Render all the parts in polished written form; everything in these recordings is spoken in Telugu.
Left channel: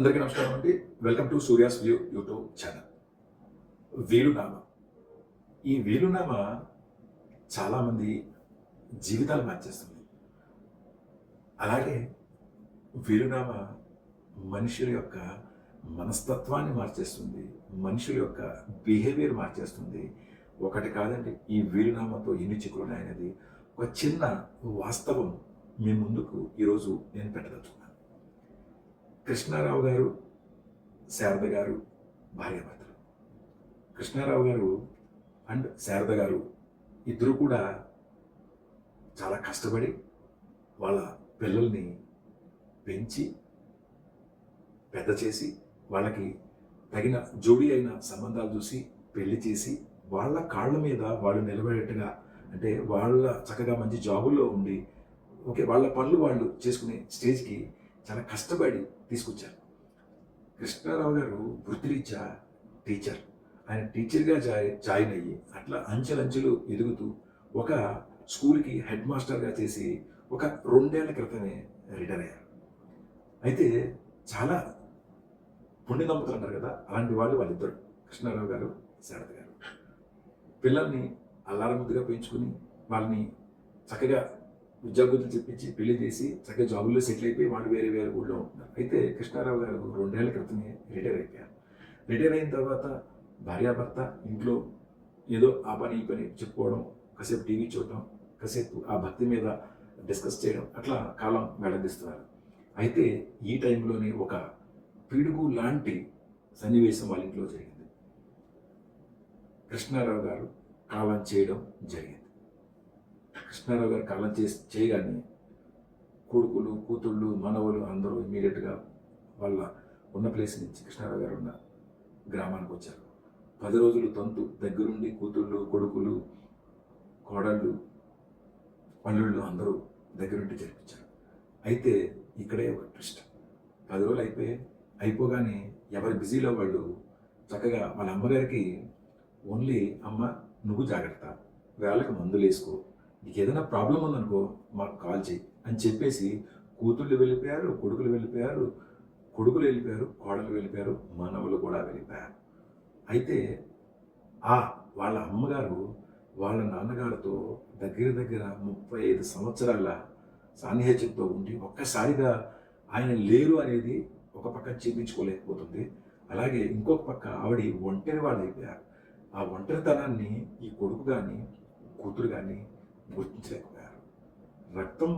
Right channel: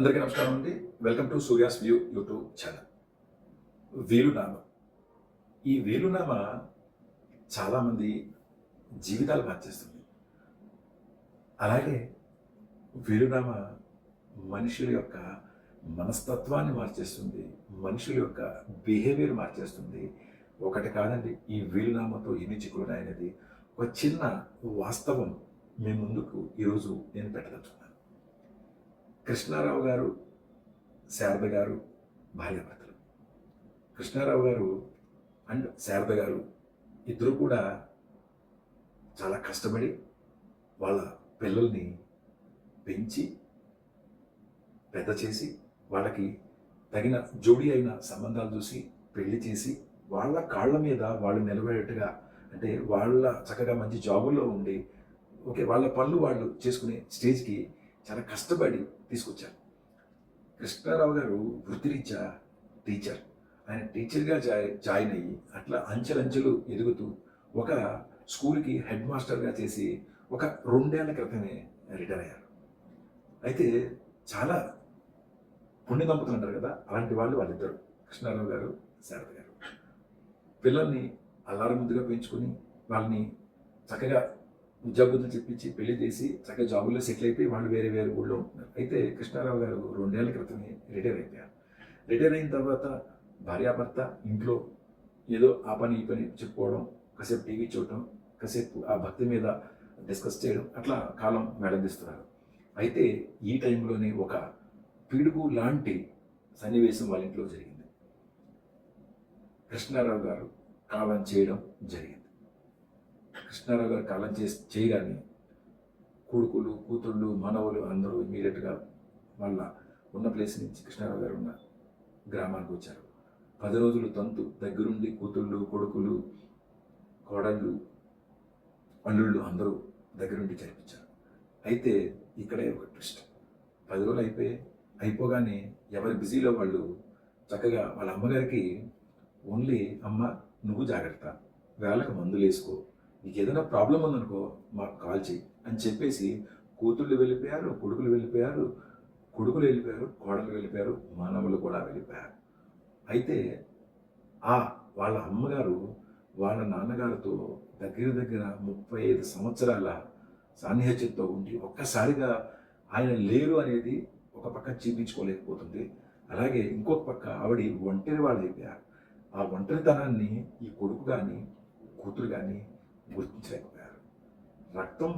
అందరికీ నమస్కారం అండి. Welcome to Surya's view YouTube channel. వీలునామ. ఈ వీలునామ చాలామంది జీవితాలు మార్చేస్తుంది. అలాగే వీలునామ మనుషుల యొక్క మనస్తత్వాన్ని మార్చేస్తుంది. మనుషుల యొక్క బిహేవియర్ మార్చేస్తుంది. ఒకటి కాదండి, ఈ వీలునామాతో ఎన్ని చిక్కులున్నాయనేది ఒక చిన్న వాస్తవం మీ ముందుకు ఈరోజు నేను పెట్టదలుచుకున్నాను. కృష్ణారావు గారు, శారద గారు భార్యాభర్తలు. కృష్ణారావు గారు అండ్ శారద గారు ఇద్దరు కూడా చాలా కష్టపడి వాళ్ళ పిల్లల్ని పెంచి పెద్ద చేసి వాళ్ళకి తగిన జోడీ అయిన సంబంధాలు చూసి పెళ్లి చేసి వాళ్ళ కాళ్ళ మీద వాళ్ళు నిలబడేట్టుగా, అంటే వాళ్ళ చక్కగా మంచి జాబుల్లో ఉండి ఓకే వాళ్ళ పనులు వాళ్ళు చేసుకునే స్టేజ్కి చాలా కష్టపడి తీసుకొచ్చారు. కృష్ణారావు గారు వృత్తిరీత్యా టీచర్. ఆయన టీచర్గా జాయిన్ అయ్యి అట్లా అంచెలంచెలు ఎదుగుతూ ఒక స్కూల్కి హెడ్ మాస్టర్గా చేసి ఒక 2 ఏళ్ల క్రితమే రిటైర్ అయ్యారు. అయితే చాలా పుణ్య దంపతులు అంటారు కదా, అలాంటి వాళ్ళిద్దరు, కృష్ణారావు గారు, శారద గారు. పిల్లల్ని అల్లారం ముద్దుగా పెంచుకుని వాళ్ళని చక్కగా ఉద్యోగులు చెప్పించి పెళ్లి చేసి చక్కగా జాబుల్లో సెటిల్ అయిపోయి వాళ్ళు వేరే వేరే ఊళ్ళో ఉంటున్నారు. అయితే కృష్ణారావు గారు 2 ఏళ్ల క్రితమే రిటైర్ అయిపోయారు. రిటైర్ అయిన తర్వాత భార్యాభర్త ఇంట్లో ఏదో ఆ పని ఈ పని చెప్పుకోవడం, కాసేపు టీవీ చూడటం, కాసేపు ఆ భక్తి మీద డిస్కస్ చేయడం, అట్లా కాలం వెడదీస్తున్నారు. అయితే ఈ టైంలోనే ఒక పిడుగు లాంటి సన్నివేశం వాళ్ళ ఇంట్లో జరిగింది. కృష్ణారావు గారు కాలం చేయడం జరిగింది. కృష్ణారావు గారు కాలం చేయగానే కొడుకులు, కూతుళ్ళు, మనవలు అందరూ ఇమీడియట్గా వాళ్ళ ఉన్న ప్లేస్ నుంచి కృష్ణారావు గారు ఉన్న గ్రామానికి వచ్చారు. 10 రోజులు తంతు దగ్గరుండి కూతుళ్ళు, కొడుకులు, కోడళ్ళు, అల్లుళ్ళు అందరూ దగ్గరుండి జరిపించారు. అయితే ఇక్కడే ఒక ట్విస్ట్. 10 రోజులు అయిపోగానే ఎవరి బిజీలో వాళ్ళు చక్కగా వాళ్ళ అమ్మగారికి ఓన్లీ అమ్మ నువ్వు జాగ్రత్త, వేళకు మందులు వేసుకో, నీకు ఏదైనా ప్రాబ్లం ఉందనుకో మాకు కాల్ చేయి అని చెప్పేసి కూతుళ్ళు వెళ్ళిపోయారు, కొడుకులు వెళ్ళిపోయారు, కోడలు వెళ్ళిపోయారు, మనవలు కూడా వెళ్ళిపోయారు. అయితే వాళ్ళ అమ్మగారు వాళ్ళ నాన్నగారితో దగ్గర 35 సంవత్సరాల సాన్నిహిత్యంతో ఉండి ఒక్కసారిగా ఆయన లేరు అనేది ఒక పక్క జీర్ణించుకోలేకపోతుంది. అలాగే ఇంకొక పక్క ఆవిడ ఒంటరి వాళ్ళు అయిపోయారు. ఆ ఒంటరితనాన్ని ఈ కొడుకు కానీ కూతురు కానీ గుర్తించలేకపోయారు. రక్తం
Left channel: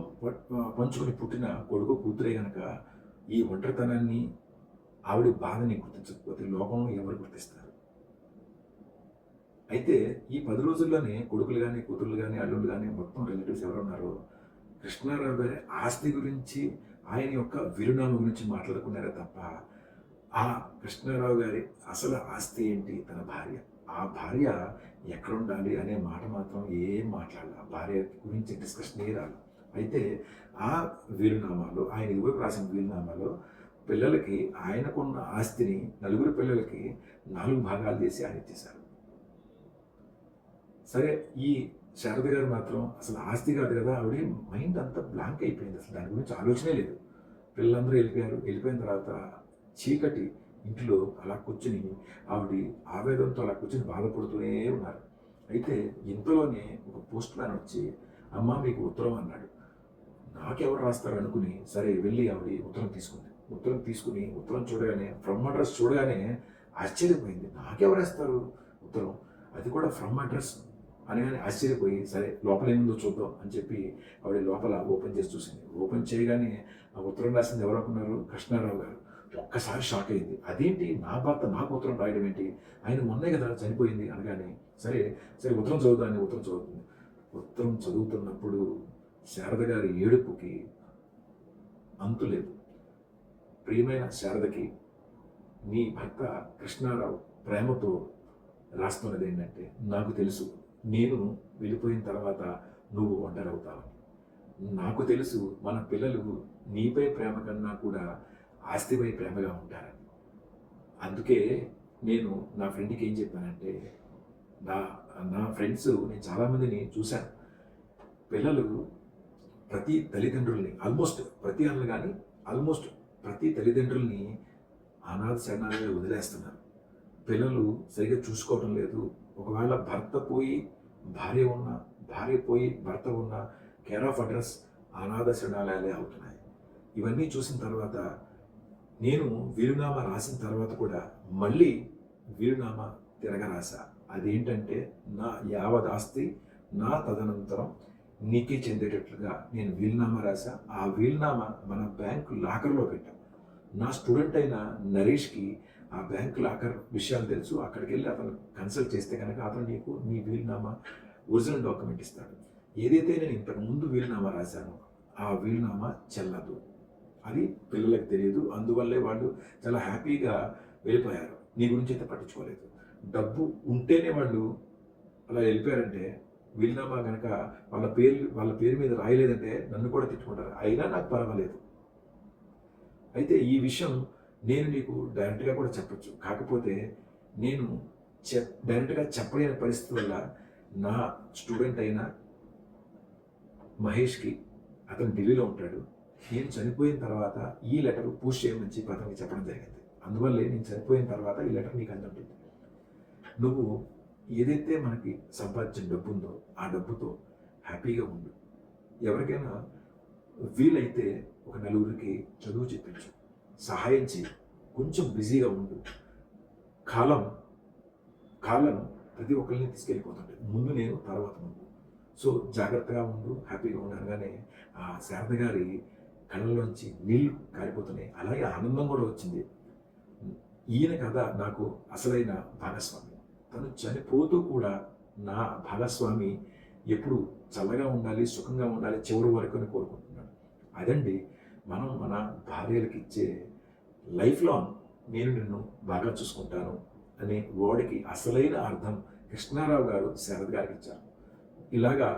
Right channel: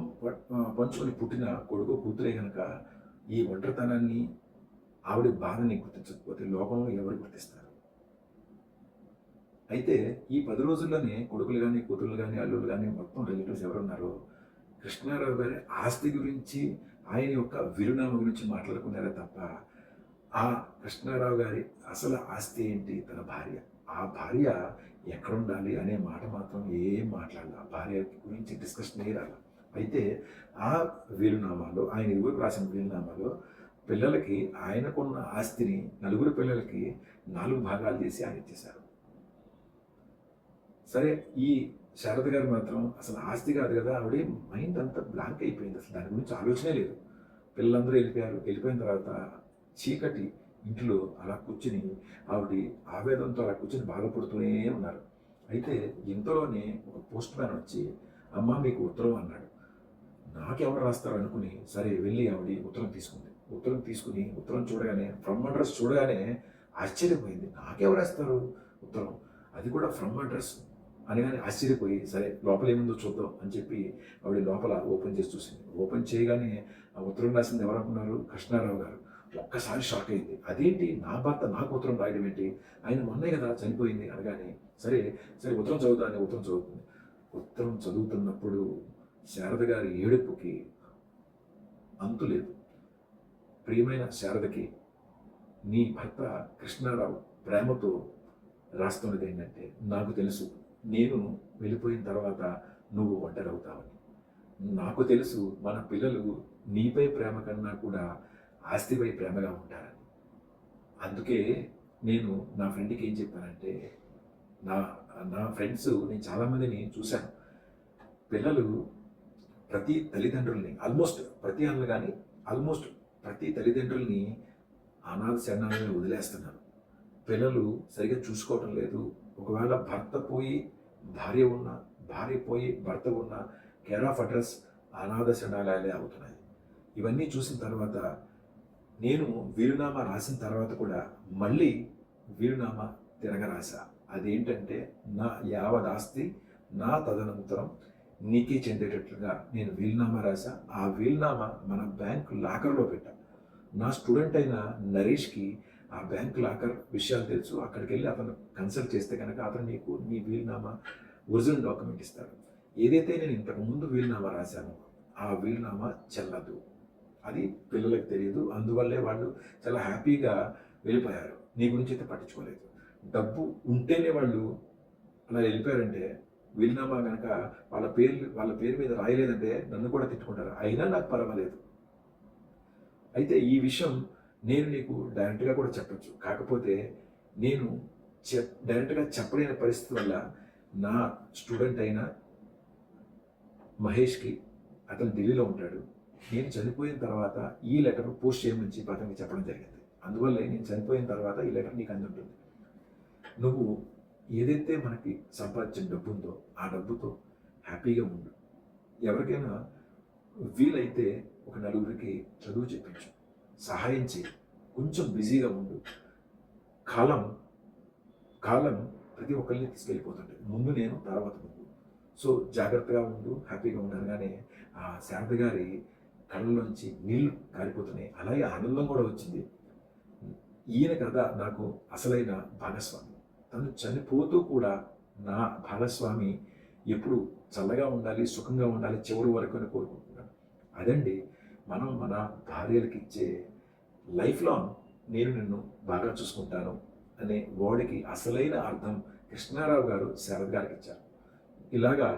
పంచుకొని పుట్టిన కొడుకు కూతురే కనుక ఈ ఒంటరితనాన్ని, ఆవిడ బాధని గుర్తించకపోతే లోకంలో ఎవరు గుర్తిస్తారు? అయితే ఈ 10 రోజుల్లోనే కొడుకులు కానీ కూతుళ్ళు కానీ అల్లుళ్ళు కానీ మొత్తం రిలేటివ్స్ ఎవరున్నారో కృష్ణారావు గారి ఆస్తి గురించి, ఆయన యొక్క వీరునామా గురించి మాట్లాడుకున్నారే తప్ప ఆ కృష్ణారావు గారి అసలు ఆస్తి ఏంటి, తన భార్య, ఆ భార్య ఎక్కడ ఉండాలి అనే మాట మాత్రం ఏం మాట్లాడాలి, ఆ భార్య గురించి డిస్కషన్ రాలి. అయితే ఆ వీలునామాలో, ఆయన ఇదివరకు రాసిన వీలునామాలో పిల్లలకి ఆయనకున్న ఆస్తిని 4 పిల్లలకి 4 భాగాలు చేసి ఆయన ఇచ్చేశారు. సరే, ఈ శారద గారు మాత్రం అసలు ఆస్తి కాదు కదా, ఆవిడ మైండ్ అంతా బ్లాంక్ అయిపోయింది, అసలు దాని గురించి ఆలోచనే లేదు. పిల్లలందరూ వెళ్ళిపోయిన తర్వాత చీకటి ఇంట్లో అలా కూర్చుని ఆవిడ ఆవేదనతో అలా కూర్చుని బాధపడుతూనే ఉన్నారు. అయితే ఇంతలోనే ఒక పోస్ట్ మ్యాన్ వచ్చి అమ్మ మీకు ఉత్తరం అన్నాడు. నాకెవరు రాస్తారు అనుకుని సరే వెళ్ళి ఆవిడ ఉత్తరం తీసుకుని ఉత్తరం చూడగానే, ఫ్రమ్ అడ్రస్ చూడగానే ఆశ్చర్యపోయింది. నాకెవరు రాస్తారు ఉత్తరం, అది కూడా ఫ్రమ్ అడ్రస్ అనగానే ఆశ్చర్యపోయి సరే లోపల ఏముందో చూద్దాం అని చెప్పి ఆవిడ లోపల ఓపెన్ చేసి చూసింది. ఓపెన్ చేయగానే ఆ ఉత్తరం రాసింది ఎవరు అనుకున్నారు? కృష్ణారావు గారు. ఒక్కసారి షాక్ అయింది. అదేంటి, నా భర్త నాకు ఉత్తరం రాయడం ఏంటి, ఆయన మొన్నే కదా చనిపోయింది అనగానే సరే ఉత్తరం చదువుతాను. ఉత్తరం చదువుతున్నప్పుడు శారద గారి ఏడుపుకి అంతులేదు. ప్రియమైన శారదకి, నీ భర్త కృష్ణారావు ప్రేమతో రాస్తున్నది ఏంటంటే, నాకు తెలుసు నేను వెళ్ళిపోయిన తర్వాత నువ్వు ఒంటరవుతావని, నాకు తెలుసు మన పిల్లలు నీపై ప్రేమ కన్నా కూడా ఆస్తిపై ప్రేమగా ఉంటారని. అందుకే నేను నా ఫ్రెండ్కి ఏం చెప్పానంటే, నా నా ఫ్రెండ్స్, నేను చాలామందిని చూశాను, పిల్లలు ప్రతి తల్లిదండ్రుల్ని ఆల్మోస్ట్ ప్రతి తల్లిదండ్రుల్ని అనాథ శరణాలయాలు వదిలేస్తున్నారు. పిల్లలు సరిగ్గా చూసుకోవటం లేదు. ఒకవేళ భర్త పోయి భార్య ఉన్న, భార్య పోయి భర్త ఉన్న, కేర్ ఆఫ్ అడ్రస్ అనాథ శరణాలయాలే అవుతున్నాయి. ఇవన్నీ చూసిన తర్వాత నేను వీలునామా రాసిన తర్వాత కూడా మళ్ళీ వీలునామా తిరగరాశా. అదేంటంటే నా యావదాస్తి నా తదనంతరం నీకే చెందేటట్లుగా నేను వీలునామా రాశా. ఆ వీలునామా మన బ్యాంక్ లాకర్లో పెట్టా. నా స్టూడెంట్ అయిన నరేష్కి ఆ బ్యాంక్ లాకర్ విషయాలు తెలుసు. అక్కడికి వెళ్ళి అతను కన్సల్ట్ చేస్తే కనుక అతను నీకు నీ వీలునామా ఒరిజినల్ డాక్యుమెంట్ ఇస్తాడు. ఏదైతే నేను ఇంతకు ముందు వీలునామా రాశానో ఆ వీలునామా చెల్లదు. అది పిల్లలకు తెలియదు. అందువల్లే వాళ్ళు చాలా హ్యాపీగా వెళ్ళిపోయారు. నీ గురించి అయితే పట్టించుకోలేదు. డబ్బు ఉంటేనే వాళ్ళు అలా వెళ్ళిపోయారంటే వీలునామా కనుక వాళ్ళ పేరు మీద రాయలేదంటే నన్ను కూడా తిట్టుకుంటారు. అయినా నాకు పర్వాలేదు. అయితే ఈ విషయం నేను నీకు డైరెక్ట్గా కూడా చెప్పచ్చు. కాకపోతే నేను డైరెక్ట్గా చెప్పలేని పరిస్థితి వల్ల నా స్టూడెంట్ అయిన మహేష్కి, అతను ఢిల్లీలో ఉంటాడు, నేను చనిపోయిన తర్వాత ఈ లెటర్ పోస్ట్ చేయమని చెప్పి అతనికి చెప్పడం జరిగింది. అందువల్లే నేను చనిపోయిన తర్వాత ఈ లెటర్ నీకు అందుంటుంది. నువ్వు ఏదైతే మనకి సంపాదించిన డబ్బు ఉందో ఆ డబ్బుతో హ్యాపీగా ఉండు. ఎవరికైనా వీలైతే ఒక నలుగురికి చదువు చెప్పించు, సహాయం చేయి, కొంచెం బిజీగా ఉండు. కాలం ప్రతి ఒక్కరిని తీసుకెళ్ళిపోతుంటుంది. ముందు నేను, తర్వాత నువ్వు. సో జాగ్రత్తగా ఉండు, హ్యాపీగా ఉండగానే ఆ శారద గారి కళ్ళలోంచి నీళ్లు కారిపోతున్నాయి. అలాగే ఆనందం కూడా వచ్చింది. ఈయన కదా నాకు అసలైన భాగస్వామి. తను చనిపోతూ కూడా నా భాగస్వామి ఎప్పుడు చల్లగా ఉండాలి, సుఖంగా ఉండాలి, చివరి వరకు అని కోరుకుంటున్నాను. అదండి మనం మన భార్యలకు ఇచ్చే లైఫ్ లాంగ్ నేను నిన్ను బాగా చూసుకుంటాను అనే వర్డ్కి అసలైన అర్థం కృష్ణారావు గారు శారద గారికి ఇచ్చారు. ఇలాగా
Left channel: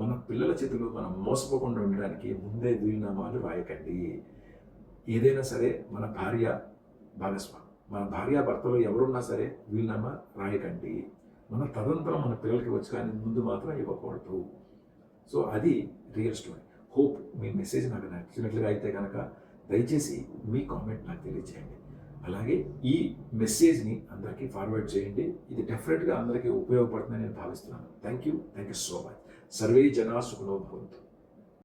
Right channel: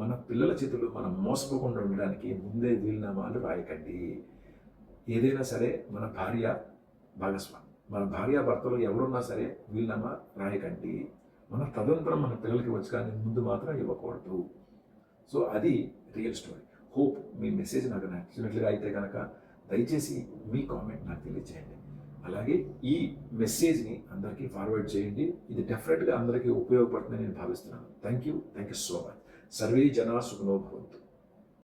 మన పిల్లల చేతుల్లో మనం మోసపోకుండా ఉండడానికి ముందే వీలునామాలు రాయకండి. ఏదైనా సరే మన భార్య భాగస్వామి, మన భార్యాభర్తలు ఎవరున్నా సరే వీలునామా రాయకండి. మన తదనంతరం మన పిల్లలకి వచ్చి కానీ ముందు మాత్రం ఇవ్వకూడదు. సో అది రియల్ స్టోరీ. హోప్ మీ మెసేజ్ నాకు నచ్చినట్లుగా అయితే కనుక దయచేసి మీ కామెంట్ నాకు తెలియజేయండి. అలాగే ఈ మెసేజ్ని అందరికీ ఫార్వర్డ్ చేయండి. ఇది డెఫినెట్గా అందరికీ ఉపయోగపడుతుందని నేను భావిస్తున్నాను. Thank you so much. Survey జనా సుఖనో భవంతు.